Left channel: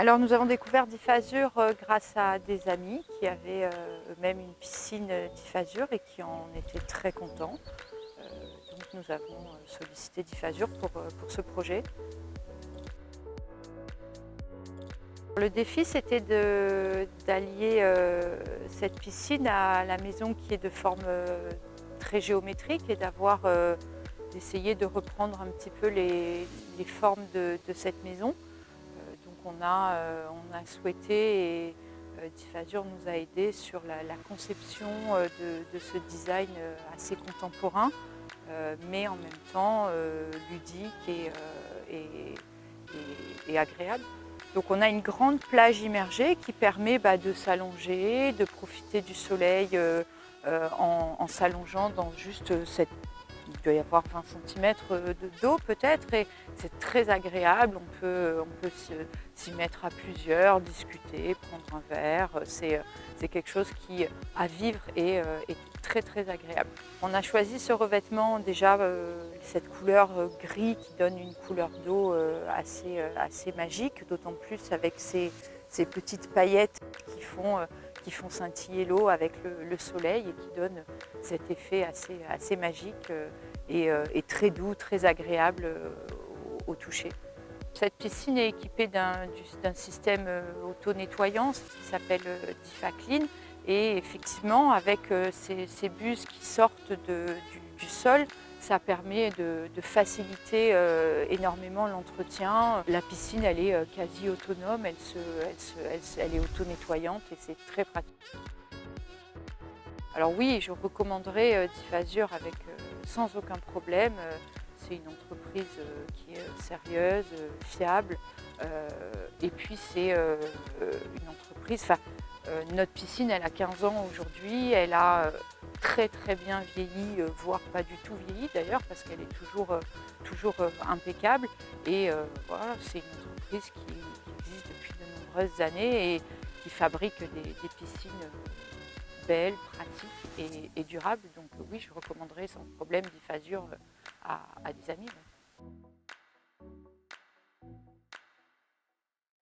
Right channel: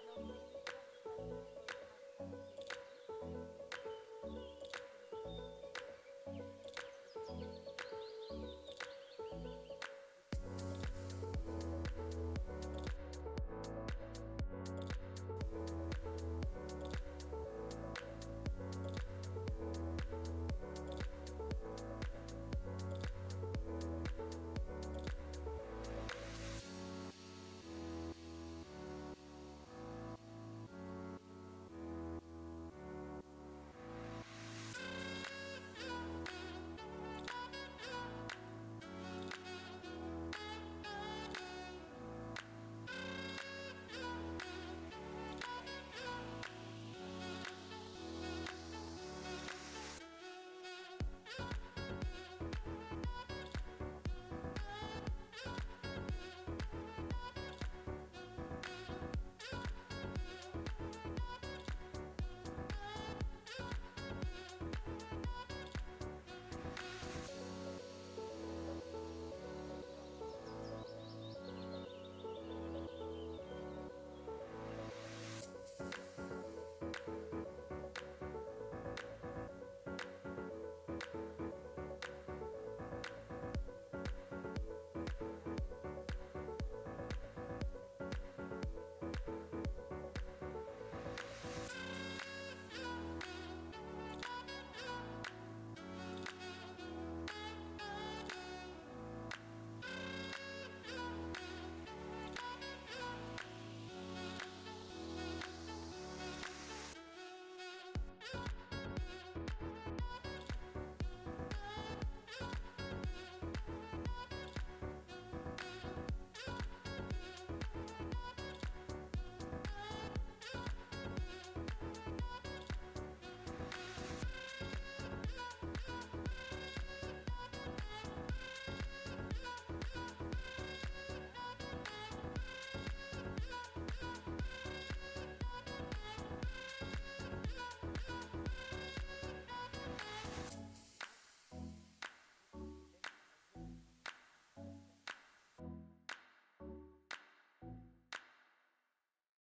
Alors nous avons découvert Diffasur grâce à des amis qui avaient eux-mêmes une piscine Diffasur et qui en étaient très contents. Donc nous avons sollicité Diffasur pour ce projet. Le défi, c'était d'allier cette piscine à la maison qui est de forme très géométrique et d'essayer de reprendre un petit peu les formes de cette maison. Donc on a souhaité et Diffasur nous a aidés sur la conception de ce design assez contemporain, mais en même temps ludique et agréable. Donc on a une grande plage immergée qui permet de s'allonger, de profiter du soleil en s'allongeant dans juste cette... Il doit y avoir 20 centimètres d'eau peut-être et c'est très agréable. On peut s'y mettre à plusieurs, discuter, prendre un verre. C'est quelque chose qui, à vivre, est très très agréable. On a choisi ce revêtement déjà, cette couleur gris qui donne une couleur d'eau assez magique, d'autant plus avec ces petites paillettes qui font scintiller l'eau avec le soleil et qui donnent cet effet assez magique et très doux, très agréable au toucher. Cette piscine est équipée d'un système auto-nettoyant qui s'appelle DifaClean et effectivement avec ces buses qui sortent du sol, ça permet de faciliter énormément l'entretien. La piscine, elle est quasi autonome, elle est auto-nettoyante et c'est très pratique. Alors oui, je recommanderais Diffasur sans aucun problème. C'est une entreprise qui est sérieuse, fiable. Et puis c'est une entreprise, notre piscine, elle a 15 ans aujourd'hui. Elle a très très bien vieilli, voire pas du tout vieilli d'ailleurs, parce qu'elle est toujours impeccable. Et voilà, c'est une entreprise qui existe depuis de nombreuses années et qui fabrique des piscines belle, pratique et durable. Donc oui, je recommanderais sans problème Diffasur à des amis.